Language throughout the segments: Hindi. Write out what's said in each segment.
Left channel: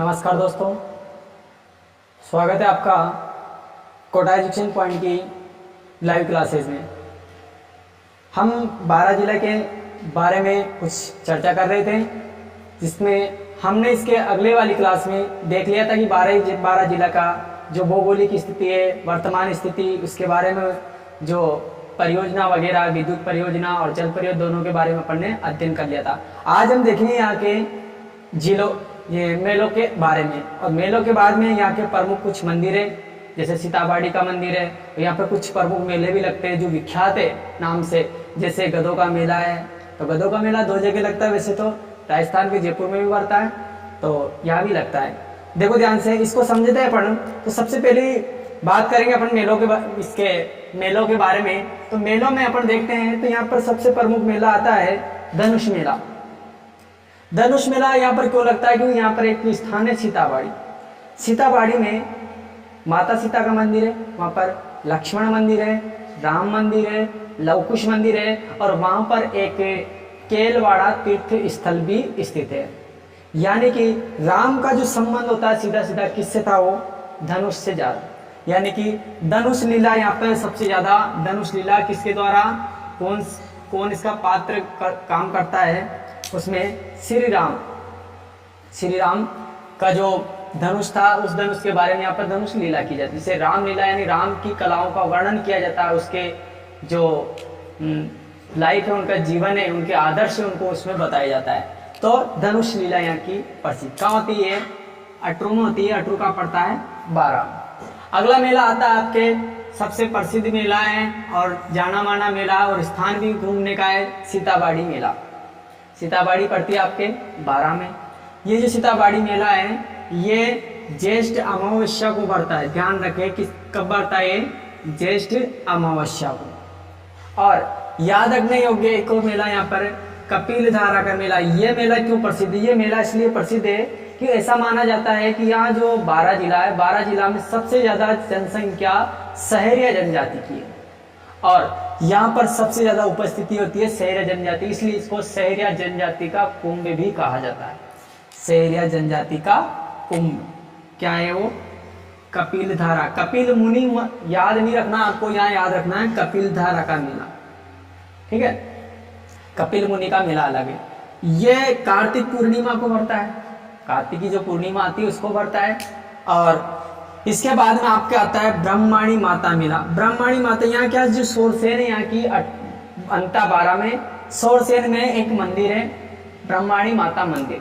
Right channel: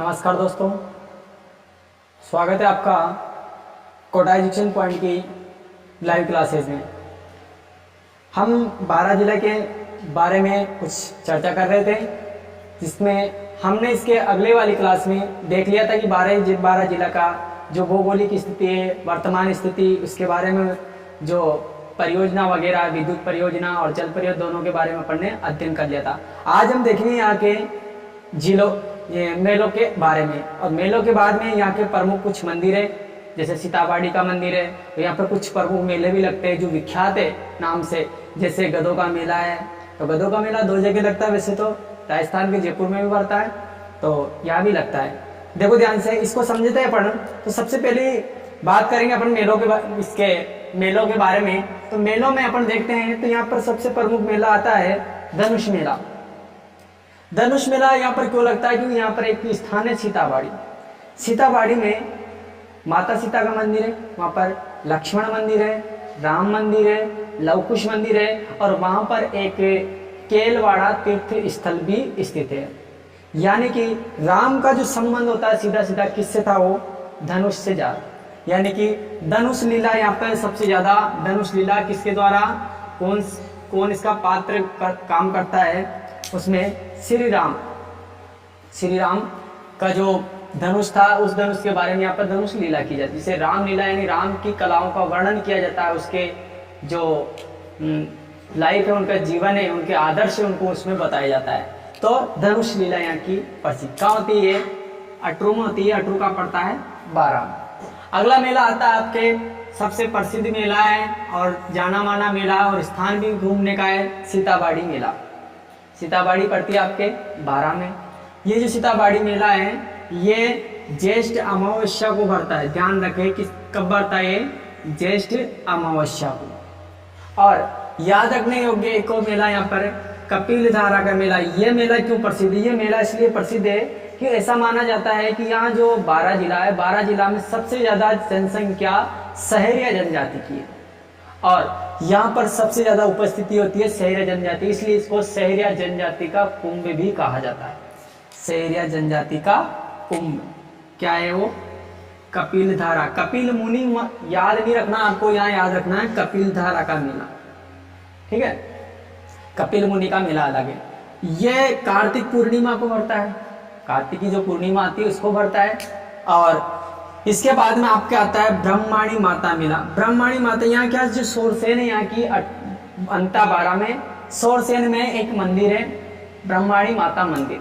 नमस्कार दोस्तों, स्वागत है आपका कोटा एजुकेशन पॉइंट की लाइव क्लासेस में। हम 12 जिला के बारे में कुछ चर्चा कर रहे थे, जिसमें हमने इसके अगले वाली क्लास में देख लिया था कि 12 जिला का जो भौगोलिक स्थिति है, वर्तमान स्थिति, उसके बारे में जो परियोजना वगैरह, विद्युत परियोजना और जल परियोजना दोनों के बारे में अपन ने अध्ययन कर लिया था। आज हम देखेंगे यहाँ के जिलों, ये मेलों के बारे में, और मेलों के बाद में यहाँ के प्रमुख कुछ मंदिर है, जैसे सीताबाड़ी का मंदिर है। और यहाँ पे कुछ प्रमुख मेले भी लगते हैं जो विख्यात है नाम से, जैसे गधों का मेला है। तो गधों का मेला 2 जगह लगता है, वैसे तो राजस्थान के जयपुर में भी पड़ता है, तो यहाँ भी लगता है। देखो ध्यान से, इसको समझते हैं अपन। तो सबसे पहले बात करेंगे अपन मेलों के बारे में। तो मेलों में अपन देखते हैं तो यहाँ पर सबसे प्रमुख मेला आता है धनुष मेला। धनुष मेला यहाँ पर क्यों लगता है? क्योंकि यहाँ पर एक स्थान है सीताबाड़ी। सीताबाड़ी में माता सीता का मंदिर है, वहाँ पर लक्ष्मण मंदिर है, राम मंदिर है, लवकुश मंदिर है, और वहाँ पर एक केलवाड़ा तीर्थ स्थल भी स्थित है। यानी कि राम का जो संबंध होता है सीधा सीधा किससे था? वो धनुष से ज्यादा। यानी कि धनुष लीला यहाँ पर सबसे ज्यादा, धनुष लीला किसके द्वारा, कौन इसका पात्र काम करता है? उसमें श्री राम का जो धनुष था, उस धनुष के बारे में यहाँ पर धनुष लीला की जाती है। जिसे राम लीला यानी राम की कलाओं का वर्णन किया जाता है, उसके जो लाइफ है, उनका जीवन है, उनके आदर्श है, उनको उसमें बताया जाता है। तो धनुष लीला यहाँ की प्रसिद्ध कहाँ होती है? अटरू में होती है। अटरू का पड़ता है 12। अगला मेला आता है आपके, सबसे प्रसिद्ध मेला है और जाना माना मेला और स्थान भी घूमने का है, सीताबाड़ी मेला। सीताबाड़ी पड़ती है आपके 12 में। ये जो सीताबाड़ी मेला है, ये ज्येष्ठ अमावस्या को भरता है। ध्यान रखें कि कब भरता है? ज्येष्ठ अमावस्या को। और याद रखने योग्य एक और मेला यहाँ पर कपिल धारा का मेला। ये मेला क्यों प्रसिद्ध है? ये मेला इसलिए प्रसिद्ध है कि ऐसा माना जाता है कि यहाँ जो 12 जिला है, 12 जिला में सबसे ज्यादा जनसंख्या सहरिया जनजाति की है, और यहाँ पर सबसे ज्यादा उपस्थिति होती है सहरिया जनजाति, इसलिए इसको सहरिया जनजाति का कुंभ भी कहा जाता है। सहरिया जनजाति का कुंभ क्या है? वो कपिल धारा, कपिल मुनि याद नहीं रखना आपको, यहाँ याद रखना है कपिल धारा का मेला। ठीक है, कपिल मुनि का मेला अलग है। ये कार्तिक पूर्णिमा को भरता है, कार्तिक की जो पूर्णिमा आती है उसको भरता है। और इसके बाद में आपके आता है ब्रह्माणी माता मेला। ब्रह्माणी माता यहाँ क्या, जो सोरसेन है यहाँ की अंता 12 में सोरसेन में एक मंदिर है, ब्रह्माणी माता मंदिर।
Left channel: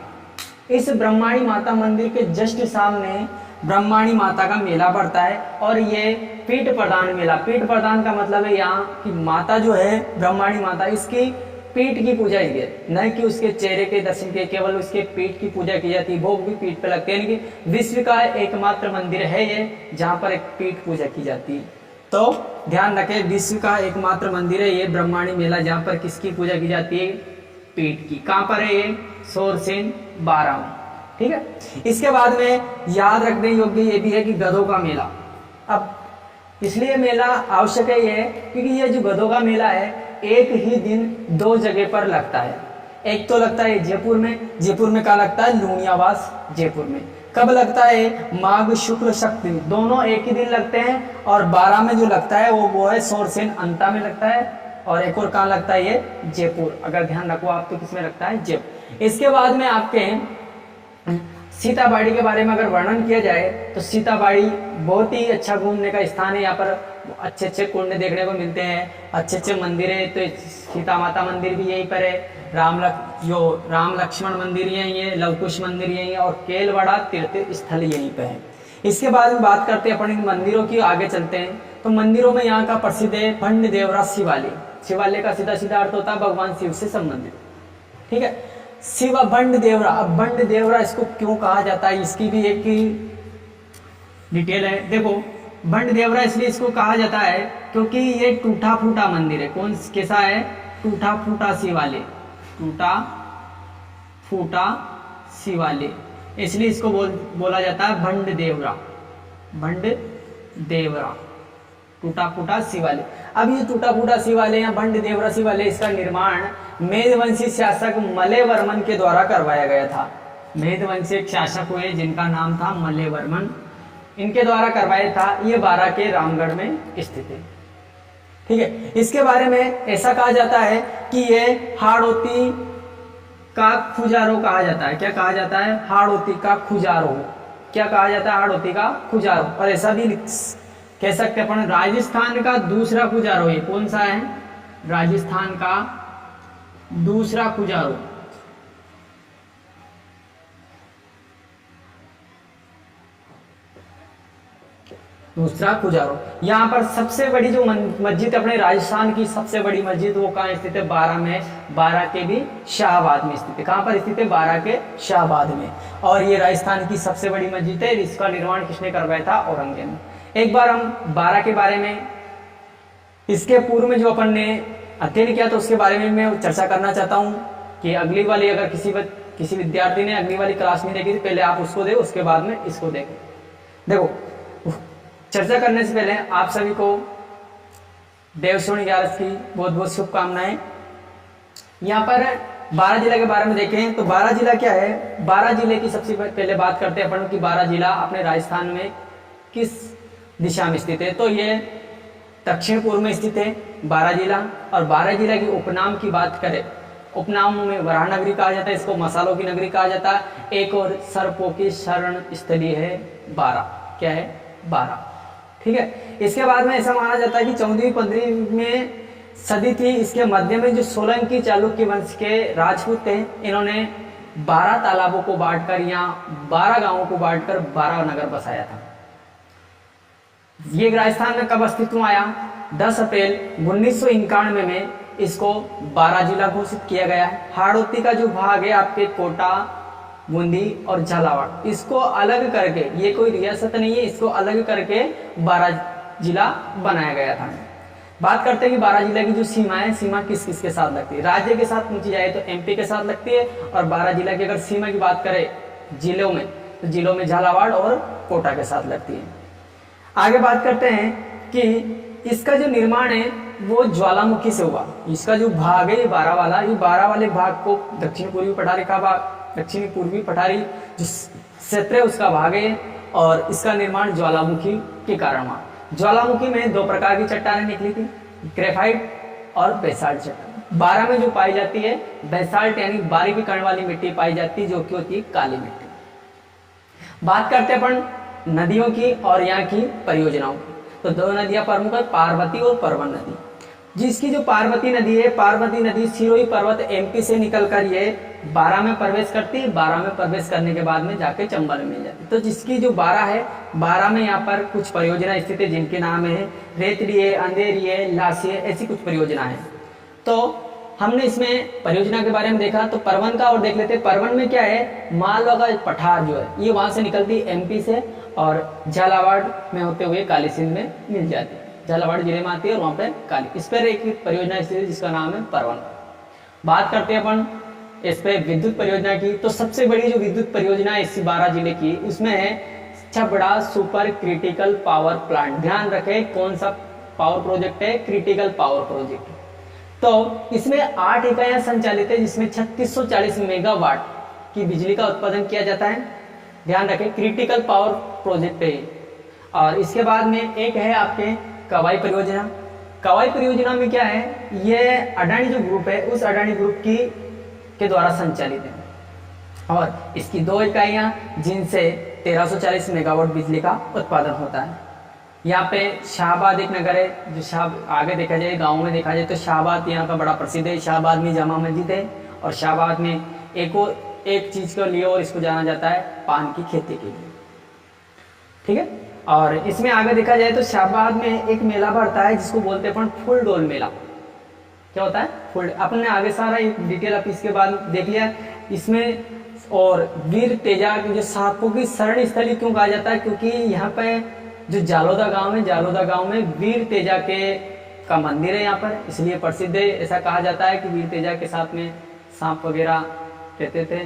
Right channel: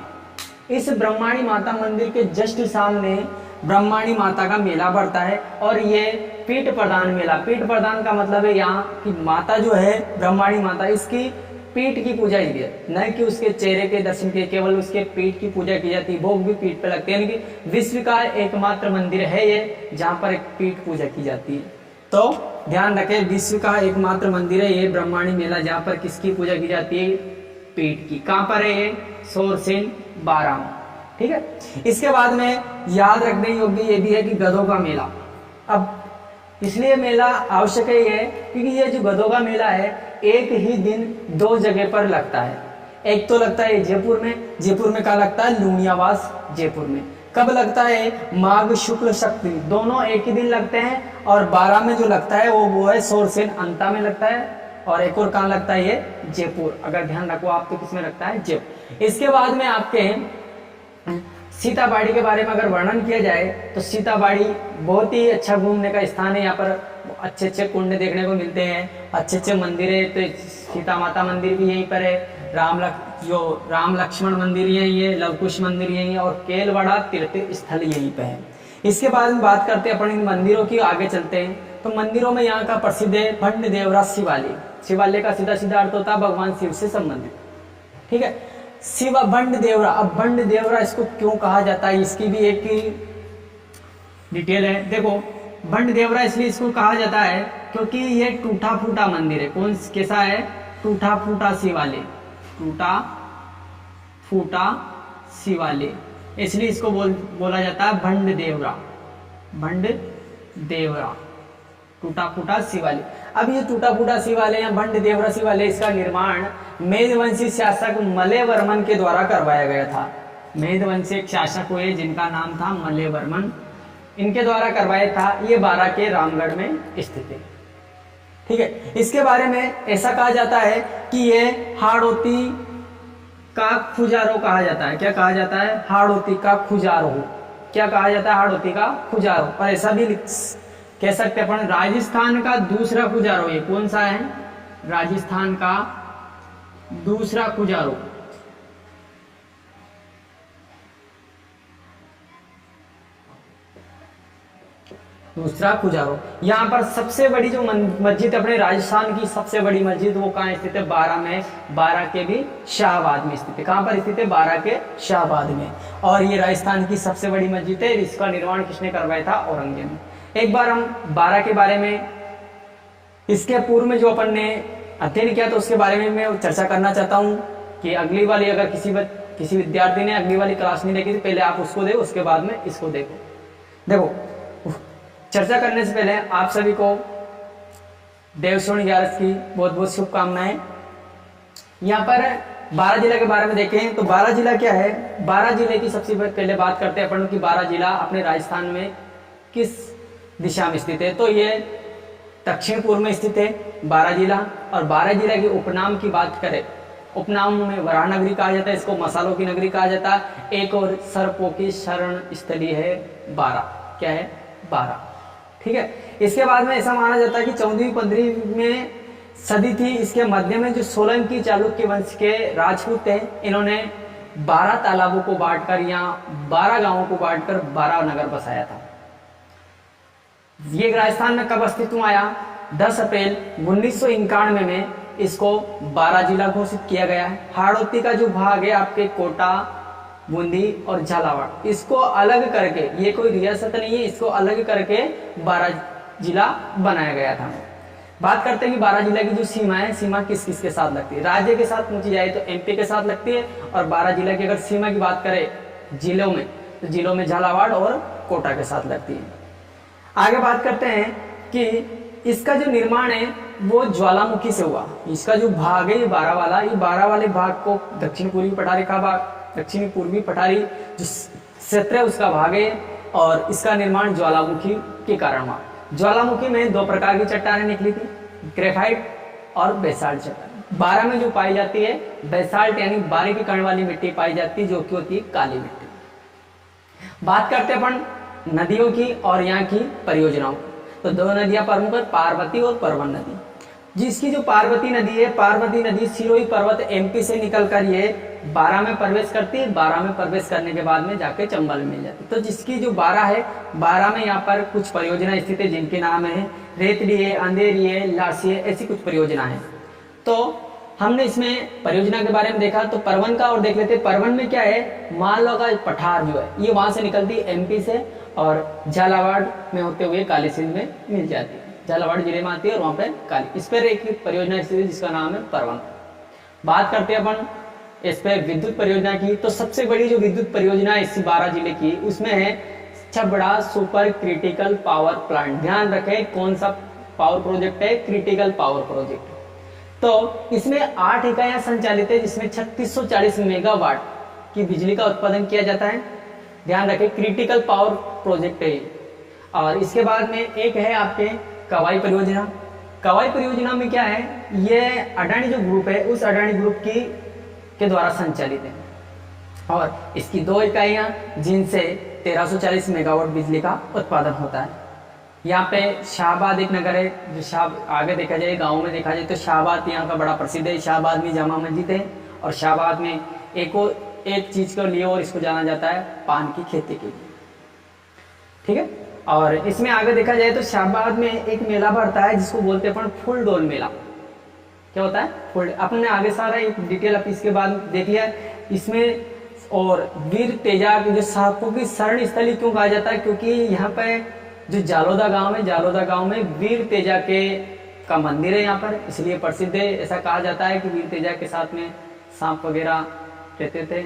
इस ब्रह्माणी माता मंदिर के जस्ट सामने ब्रह्माणी माता का मेला पड़ता है, और ये पीठ प्रदान मेला। पीठ प्रदान का मतलब है यहाँ की माता जो है ब्रह्माणी माता, इसकी पीठ की पूजा की है, न कि उसके चेहरे के दर्शन के, केवल उसके पीठ की पूजा की जाती है। भोग भी पीठ पे लगते हैं, यानी कि विश्व का एकमात्र मंदिर है ये जहाँ पर एक पीठ पूजा की जाती है। तो ध्यान रखें, विश्व का एकमात्र मंदिर है ये ब्रह्माणी मेला, जहाँ पर किसकी पूजा की जाती है? पीठ की। कहाँ पर है ये? सोरसेन 12 में। ठीक है, इसके बाद में याद रखने योग्य ये भी है कि गधों का मेला। अब इसलिए मेला आवश्यक है ये, क्योंकि ये जो गधों का मेला है एक ही दिन 2 जगह पर लगता है। एक तो लगता है जयपुर में क्या लगता है? लूणियावास जयपुर में। कब लगता है? माघ शुक्ल सप्तमी, दोनों एक ही दिन लगते हैं। और 12 में जो लगता है वो है सोरसेन अंता में लगता है, और एक और कहाँ लगता है? ये जयपुर। अगर ध्यान रखो आप तो किसमें लगता है? जयपुर। इसके बाद में आपके हैं सीताबाड़ी के बारे में अगर वर्णन किया जाए तो सीताबाड़ी बहुत ही अच्छा घूमने का स्थान है। यहाँ पर अच्छे अच्छे कुंड देखने को मिलते हैं, अच्छे अच्छे मंदिर है। तो सीता माता मंदिर भी यहीं पर है, राम लक्ष्मण मंदिर यहीं है, लवकुश मंदिर यहीं है, और केलवाड़ा तीर्थ स्थल यहीं पे है। इसके बाद में बात करते हैं अपन इन मंदिरों की, आगे चलते हैं। तो मंदिरों में यहाँ का प्रसिद्ध है भंड देवरा शिवालय। शिवालय का सीधा सीधा अर्थ होता है भगवान शिव से संबंधित। ठीक है, शिव बंड देवरा। अब बंड देवरा इसको क्यों कहा जाता है, इसकी भी एक डिटेल है। देखो, बंड देवरा इसलिए इसको कहा जाता है क्योंकि ये टूटा फूटा मंदिर है। कौन कैसा है? टूटा फूटा शिवालय, टूटा फूटा शिवालय, इसलिए इसको बोला जाता है भंड देवरा। भंड देवरा, टूटा फूटा शिवालय। अब ये टूटा फूटा शिवालय या भंड देवरा शिवालय, इसका निर्माण मेघवंशी शासक मलय वर्मन के द्वारा करवाया गया था। मेहद वंश एक शासक हुए जिनका नाम था मल्लवर्मन, इनके द्वारा करवाया था। ये बारा के रामगढ़ में स्थित है। ठीक है, इसके बारे में ऐसा कहा जाता है कि ये हाड़ौती का खुजारो कहा जाता है। क्या कहा जाता है? हाड़ौती का खुजारो। क्या कहा जाता है? हाड़ौती का खुजारो। और ऐसा भी कह सकते अपन राजस्थान का दूसरा खुजारो। ये कौन सा है? राजस्थान का दूसरा खुजारो। दूसरा खुजारो। यहाँ पर सबसे बड़ी जो मस्जिद अपने राजस्थान की सबसे बड़ी मस्जिद वो कहाँ स्थित है? बारा में। बारा के भी शाहबाद में स्थित है। कहाँ पर स्थित है? बारा के शाहबाद में। और ये राजस्थान की सबसे बड़ी मस्जिद है। इसका निर्माण किसने करवाया था? औरंगजेब ने। एक बार हम बारा के बारे में, इसके पूर्व में जो अपन ने अध्ययन किया तो उसके बारे में मैं चर्चा करना चाहता हूँ कि अगली वाली, अगर किसी विद्यार्थी ने अगली वाली क्लास नहीं देखी तो पहले आप उसको देखो, उसके बाद में इसको देखो। देखो, चर्चा करने से पहले आप सभी को देवश्रोणी 11 की बहुत बहुत शुभकामनाएं। यहाँ पर बारा जिला के बारे में देखें तो बारा जिला क्या है? बारा जिले की सबसे पहले बात करते हैं अपन कि बारा जिला अपने राजस्थान में किस दिशा में स्थित है। तो ये दक्षिण पूर्व में स्थित है बारा जिला। और बारा जिला के उपनाम की बात करें, उपनामों में वराह नगरी कहा जाता है, इसको मसालों की नगरी कहा जाता है। एक और सर्पों की शरण स्थली है बारा। क्या है? बारा। ठीक है, इसके बाद में ऐसा माना जाता है कि 14वीं-15वीं में सदी थी। इसके मध्य में जो सोलंकी चालुक्य वंश के राजपूत थे, इन्होंने 12 तालाबों को बांटकर या 12 गांवों को बांटकर 12 नगर बसाया था। ये राजस्थान में कब अस्तित्व में आया? 10 अप्रैल 1991 में इसको बारा जिला घोषित किया गया है। हाड़ौती का जो भाग है आपके कोटा, बूंदी और झालावाड़, इसको अलग करके, ये कोई रियासत नहीं है, इसको अलग करके बारा जिला बनाया गया था। बात करते हैं कि बारा जिला की जो सीमा है, सीमा किस किस के साथ लगती है? राज्य के साथ पूछी जाए तो एमपी के साथ लगती है। और बारा जिला की अगर सीमा की बात करें जिलों में, तो जिलों में झालावाड़ और कोटा के साथ लगती है। आगे बात करते हैं कि इसका जो निर्माण है वो ज्वालामुखी से हुआ। इसका जो भाग है ये बारा वाला, ये बारा वाले भाग को दक्षिण पूर्वी पठारी का भाग, दक्षिणी पूर्वी पठारी जो क्षेत्र है उसका भाग है। और इसका निर्माण ज्वालामुखी के कारण हुआ। ज्वालामुखी में 2 प्रकार की चट्टानें निकली थी, ग्रेफाइट और बेसाल्ट चट्टान। बारा में जो पाई जाती है बेसाल्ट यानी बारीकी कण वाली मिट्टी पाई जाती है, जो कि होती है काली मिट्टी। बात करते हैं अपन नदियों की और यहाँ की परियोजनाओं की। तो 2 नदियां प्रमुख है, पार्वती और परवन नदी। जिसकी जो पार्वती नदी है, पार्वती नदी सिरोही पर्वत एमपी से निकलकर ये बारा में प्रवेश करती है। बारा में प्रवेश करने के बाद में जाके चंबल में मिल जाती है। तो जिसकी जो बारा है, बारा में यहाँ पर कुछ परियोजना स्थित है जिनके नाम है रेतड़ी है, अंधेरी है, लासी है, ऐसी कुछ परियोजना है। तो हमने इसमें परियोजना के बारे में देखा। तो परवन का और देख लेते हैं। परवन में क्या है? मालवा का पठार जो है ये वहां से निकलती है एमपी से और झालावाड़ में होते हुए काली सिंध में मिल जाती है। झालावाड़ जिले में आती है और वहां पे काली, इस पर एक परियोजना स्थित है जिसका नाम है परवन। बात करते हैं अपन इस पे विद्युत परियोजना की। तो सबसे बड़ी जो विद्युत परियोजना है इस बारा जिले की, उसमें है Chhabra super critical power plant. ध्यान रखें कौन सा पावर प्रोजेक्ट है? Critical power project. तो इसमें 8 इकाइयां संचालित है जिसमें 3640 मेगावाट की बिजली का उत्पादन किया जाता है। ध्यान रखें क्रिटिकल पावर प्रोजेक्ट है। और इसके बाद में एक है आपके कवाई परियोजना। कवाई परियोजना में क्या है? ये अडानी जो ग्रुप है उस अडानी ग्रुप के द्वारा संचालित है। और इसकी 2 इकाइयां जिनसे 1340 मेगावाट बिजली का उत्पादन होता है। यहाँ पे शाहबाद एक नगर है जो आगे देखा जाए गाँव में देखा जाए तो शाहबाद यहाँ का बड़ा प्रसिद्ध है। शाहबाद में जामा मस्जिद है और शाहबाद में एक चीज़ के लिए और इसको जाना जाता है पान की खेती के लिए। ठीक है, और इसमें आगे देखा जाए तो शाहबाद में एक मेला भरता है जिसको बोलते हैं अपन फुल डोल मेला। क्या होता है? फुल। अपन ने आगे सारा एक डिटेल आप इसके बाद देख लिया इसमें। और वीर तेजा जो सांपों की शरण स्थली क्यों कहा जाता है? क्योंकि यहाँ पे जो जालोदा गांव है, जालोदा गांव में वीर तेजा का मंदिर है यहाँ पर, इसलिए प्रसिद्ध है। ऐसा कहा जाता है कि वीर तेजा के साथ में सांप वगैरह रहते थे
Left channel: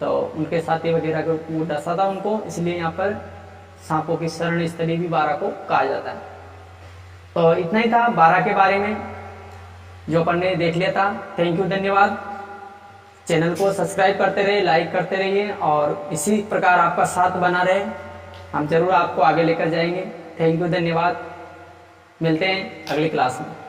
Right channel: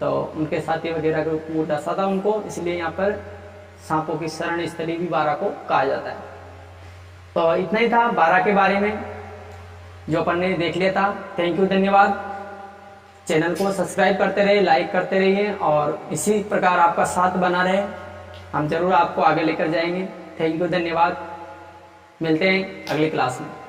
तो उनके साथी वगैरह को वो डसा था उनको, इसलिए यहाँ पर सांपों की शरण स्थली भी बारा को कहा जाता है। तो इतना ही था बारा के बारे में जो अपन ने देख लिया था। थैंक यू, धन्यवाद। चैनल को सब्सक्राइब करते रहिए, लाइक करते रहिए और इसी प्रकार आपका साथ बना रहे। हम जरूर आपको आगे लेकर जाएंगे। थैंक यू, धन्यवाद। मिलते हैं अगली क्लास में।